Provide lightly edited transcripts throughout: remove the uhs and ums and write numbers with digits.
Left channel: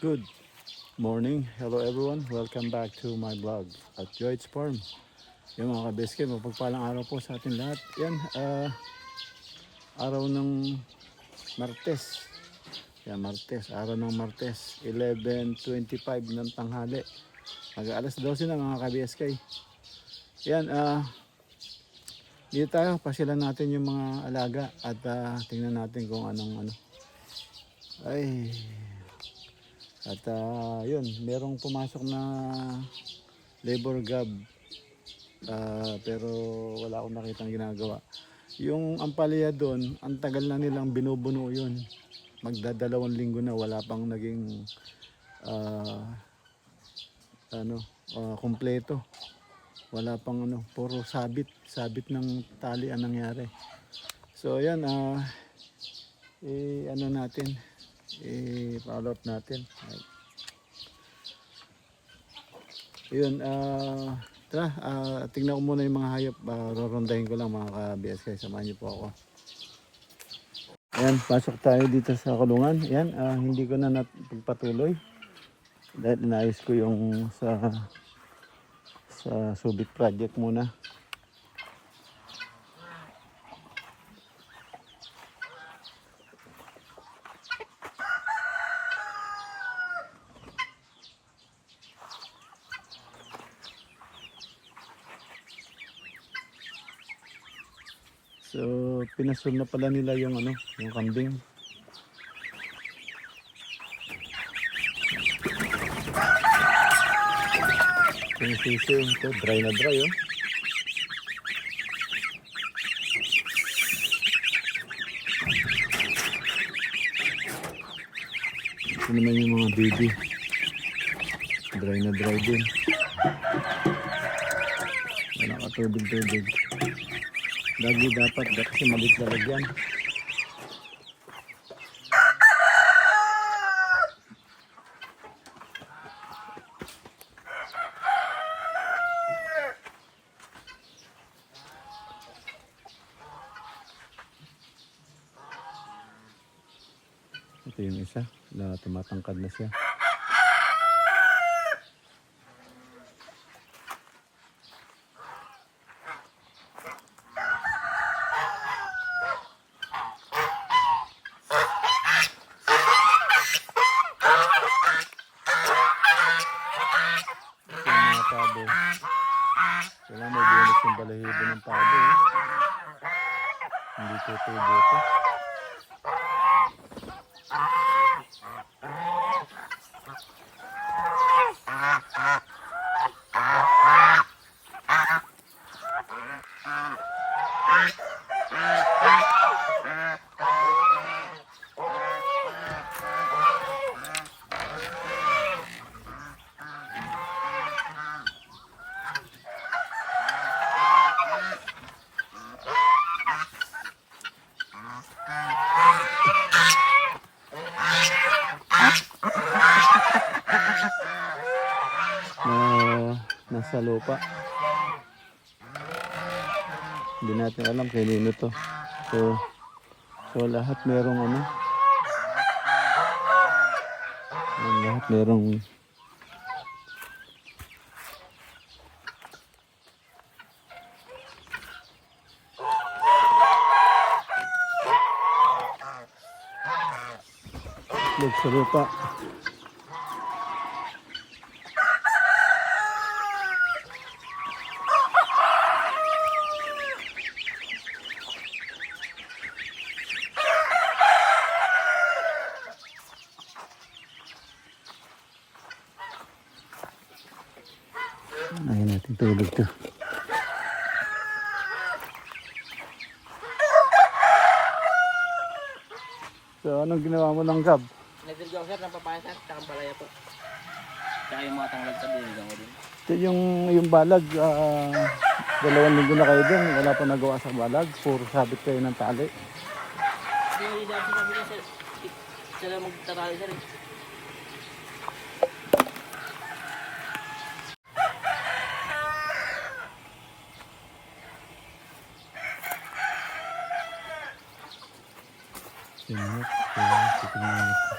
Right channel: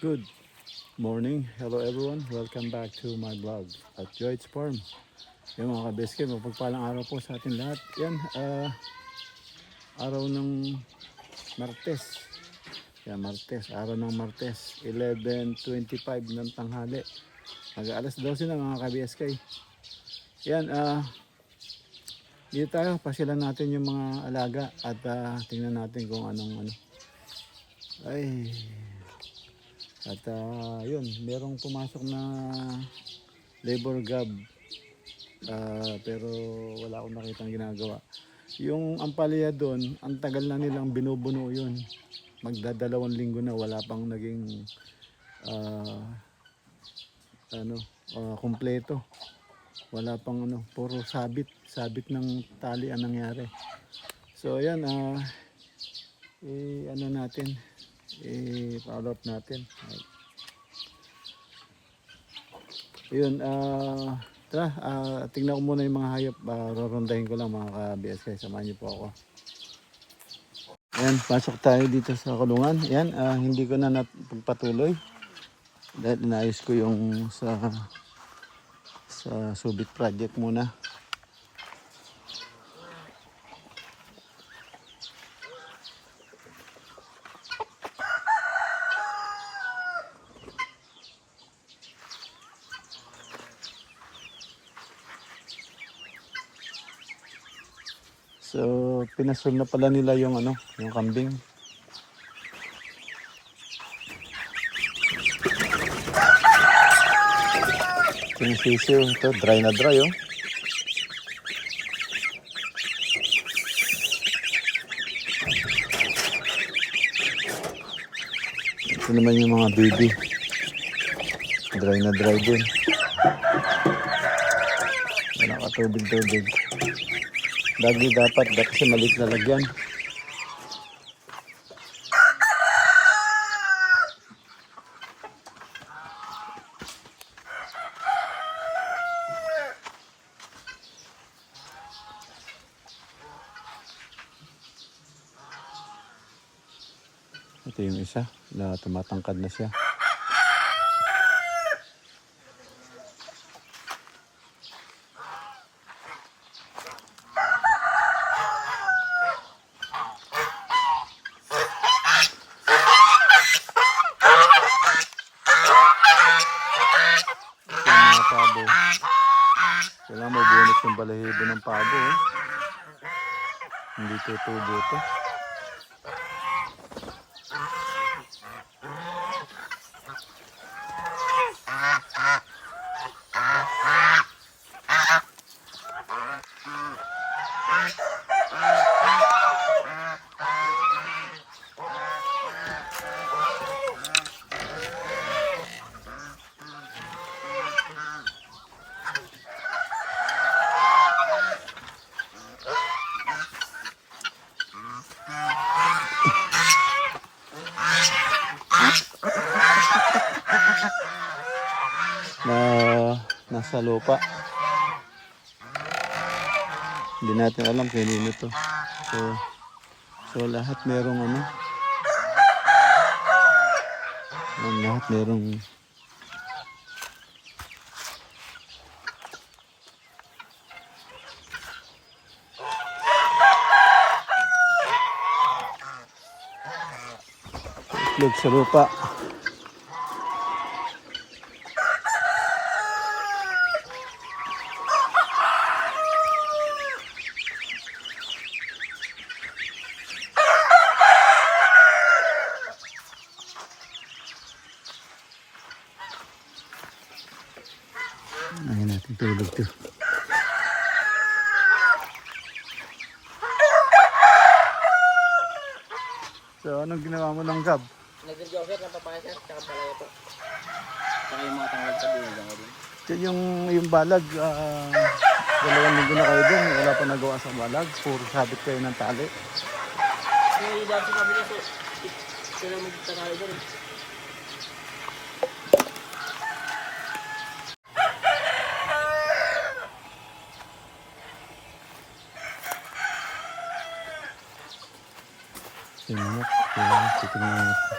Good morning. Hello everyone. Welcome back to my vlog at Joy's Farm. Yung mga kabeske, mapagpalang araw po sa atin lahat. Yan, araw ng Martes. Yan, Martes. Araw ng Martes. 11:25 ng tanghali. Mag-alas 12 na mga kabeske. Yan, dito tayo. Pasyalan natin yung mga alaga at tingnan natin kung anong ano. Ay... At yun, merong pumasok na labor job pero wala akong nakitang ginagawa. Yung ampalaya doon, ang tagal na nilang binubuno yun. Magdadalawang linggo na wala pang naging kumpleto. Wala pang puro sabit ng tali ang nangyari. So ayan, natin. I-follow up natin. Ayun, tara, tingnan ko muna yung mga hayop. Rorondahin ko lang mga ka-BSK. Samahan niyo po ako. Ayan, pasok tayo dito sa kulungan. Ayan, hindi ko na napagpatuloy. Dahil inayos ko yung sa subit project muna. So, pinasol na pala nila yung yung kambing. Yung sisiw, ito dry na dry oh. Ito naman yung mga baby. Dry na dry din. Walang katubig-tubig. Lagi dapat kasi maliit na lagyan. Ito yung isa, tumatangkad na siya. Pabo. Kailangan may bonus yung balahibo ng pabo. Hindi tutubo ito. Nasa lupa. Hindi natin alam kanino to. So lahat merong lahat merong itlog sa lupa. Ayaw natin tulog to. So anong ginawa mo ng gab? Nagdilgaw sir ng papaya sir, saka palaya po. Saka yung mga tangal sa binigyan ko din. Ito yung balag, 2 linggo na kayo dun. Wala pa nagawa sa balag. Puro sabit kayo ng tali. Yung dami sa kami sir, sila magtatahay dyan eh. Sinunod. Kaya titignan natin.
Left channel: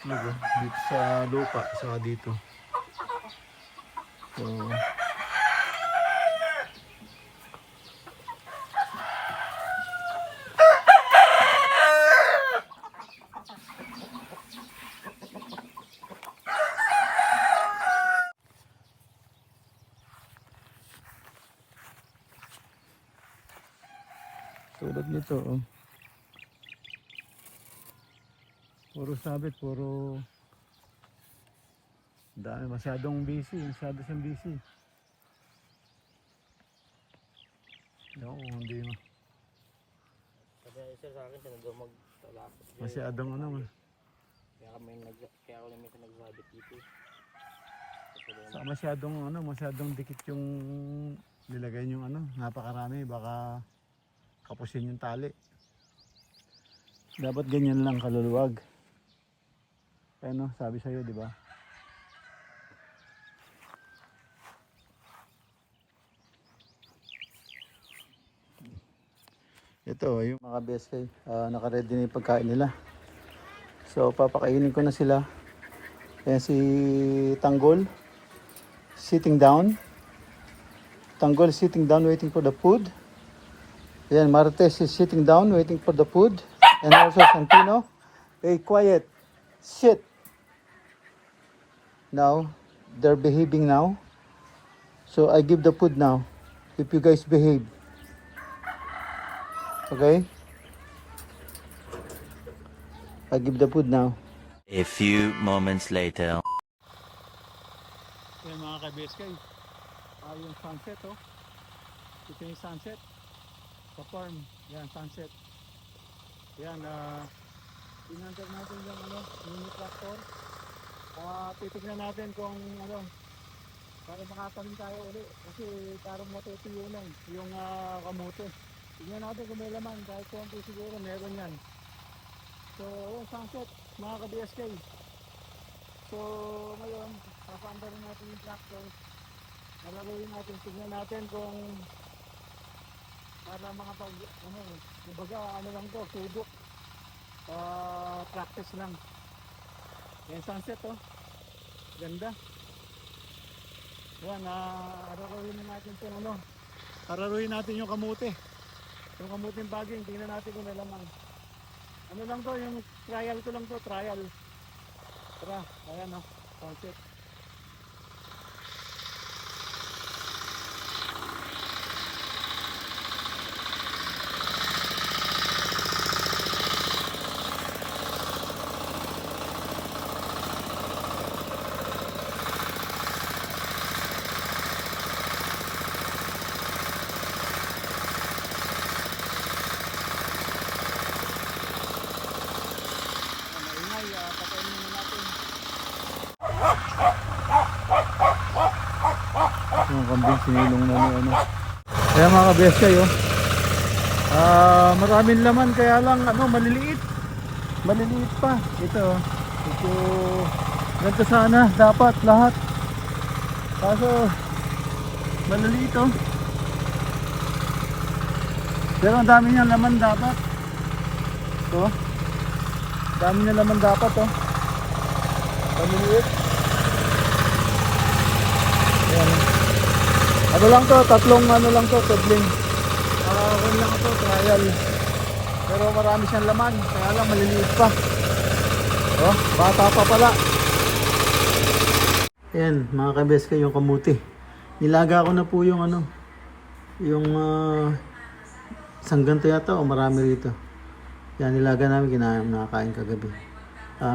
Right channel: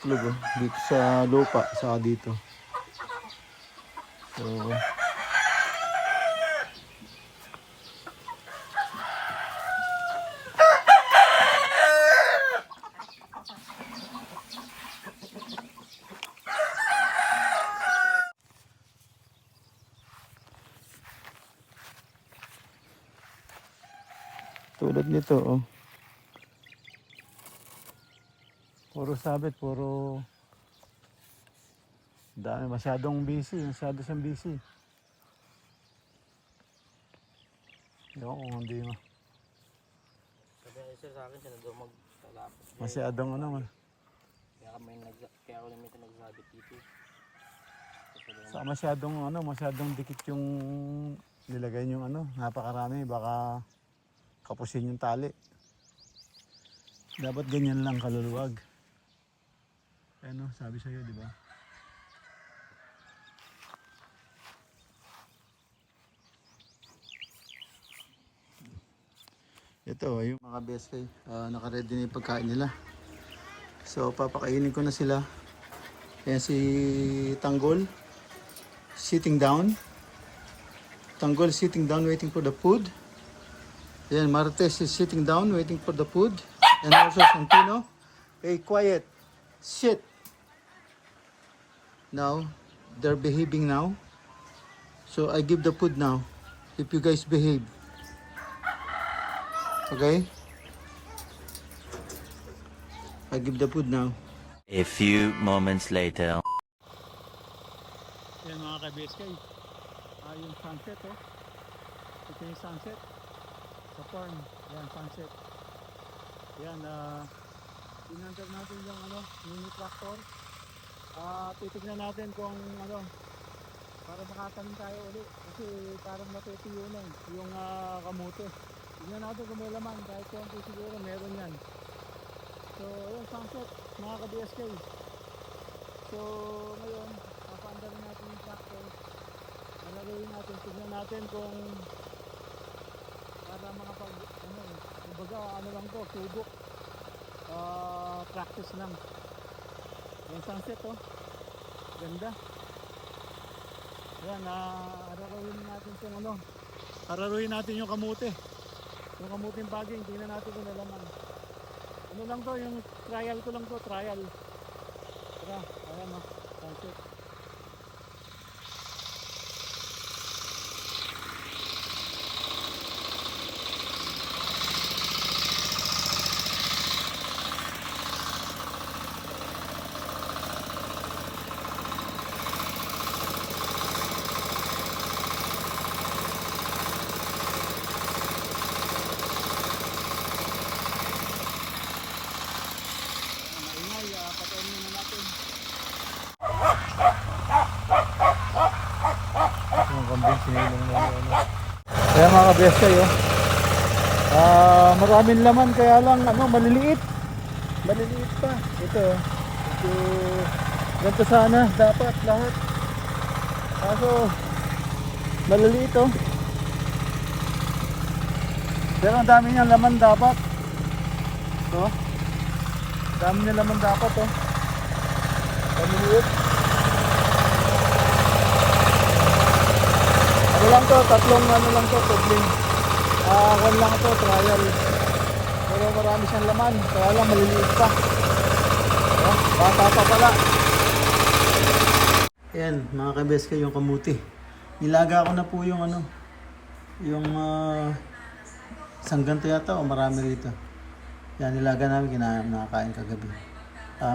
itlog oh. Dito sa lupa, saka dito. So, tulad nito oh. Puro sabit, puro dami, masyadong busy, masyado siyang busy. Ewan ko kung hindi mo. Sabi sir sa akin, siya nag magtalapos. Masyadong ano man. Kaya ako naman nagsabit dito. Sa masyadong ano, masyadong dikit yung nilagay yung ano, napakarami, baka kapusin yung tali. Dapat ganyan lang kaluluwag. Ano, sabi sa'yo, di ba? Ito, yung mga beskay, naka-ready na yung pagkain nila. So, papakainin ko na sila. Ayan si Tanggol, sitting down. Tanggol sitting down, waiting for the food. Ayan, Martes is sitting down, waiting for the food. And also Santino, hey, quiet, sit. Now, they're behaving now. So, I give the food now. If you guys behave. Okay? I give the food now. A few moments later. Yan mga ka-BSK. Yung sunset oh. Ito yung sunset. Sa farm. Yan, sunset. Yan, inantar natin yung ano, mini tractor. Titignan natin kung ano, para makatanim tayo ulit. Kasi parang natutuyo na yung kamote. Tignan natin kung may laman. Kahit konti siguro meron yan. So, ayun, sunset, mga ka-BSK. So, ngayon, papaandarin natin yung tractor. Nalaruin natin, tignan natin kung para makapag, ano, kumbaga, ano lang to, subok. Practice lang. Ayan, sunset, oh. Ganda. Ayan, araruin natin itong ano. Araruin natin yung kamote. Yung kamuting baging, tingnan natin kung may laman. Ano lang to, yung trial ko lang to, trial. Tara, ayan o, sunset. Patayin muna natin. Yung kambing sinilong na ano. Kaya mga kabes kayo, maraming laman kaya lang ano, maliliit. Maliliit pa. Ito, ito, ganito sana dapat lahat. Kaso, maliliit oh. Pero ang dami niyang laman dapat. Ito. Dami niya naman dapat oh. Pamiliit. Ano lang to, tatlong ano lang to, tubling. One lang to, trial. Pero marami siyang laman, kaya lang maliliit pa. Oh, bata pa pala. Ayan, mga kabeska, yung kamuti. Nilaga ko na po yung ano, yung isang ganito yata o marami rito. Yan, nilaga namin, nakakain kagabi.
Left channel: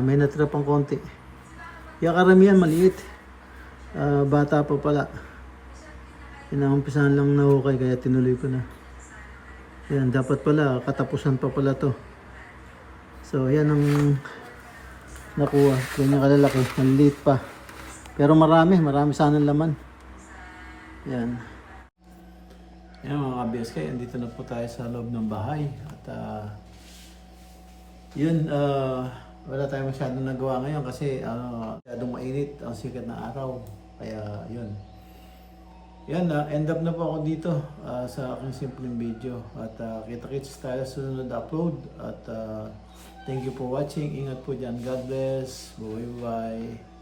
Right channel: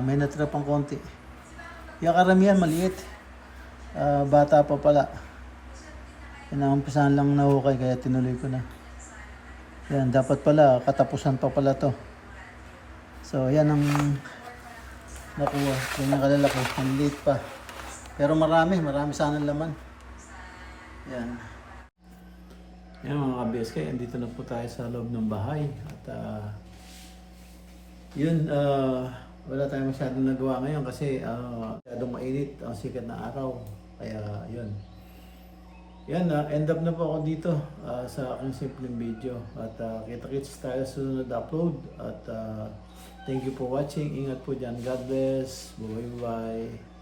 May natira pang konti. Yung karamihan, maliit. Bata pa pala. Inaumpisahan lang nahukay, kaya tinuloy ko na. Yan, dapat pala, katapusan pa pala to. So, yan ang nakuha. Yan yung kalalaki, maliit pa. Pero marami sana laman. Yan. Yan mga ka-BSK, andito na po tayo sa loob ng bahay. At yun, wala tayong masyadong nagawa ngayon kasi masyadong mainit ang sikat na araw. Kaya yun. yan na, end up na po ako dito sa aking simpleng video. At kita-kits tayo sa sunod na upload. At thank you for watching. Ingat po dyan. God bless. Bye-bye.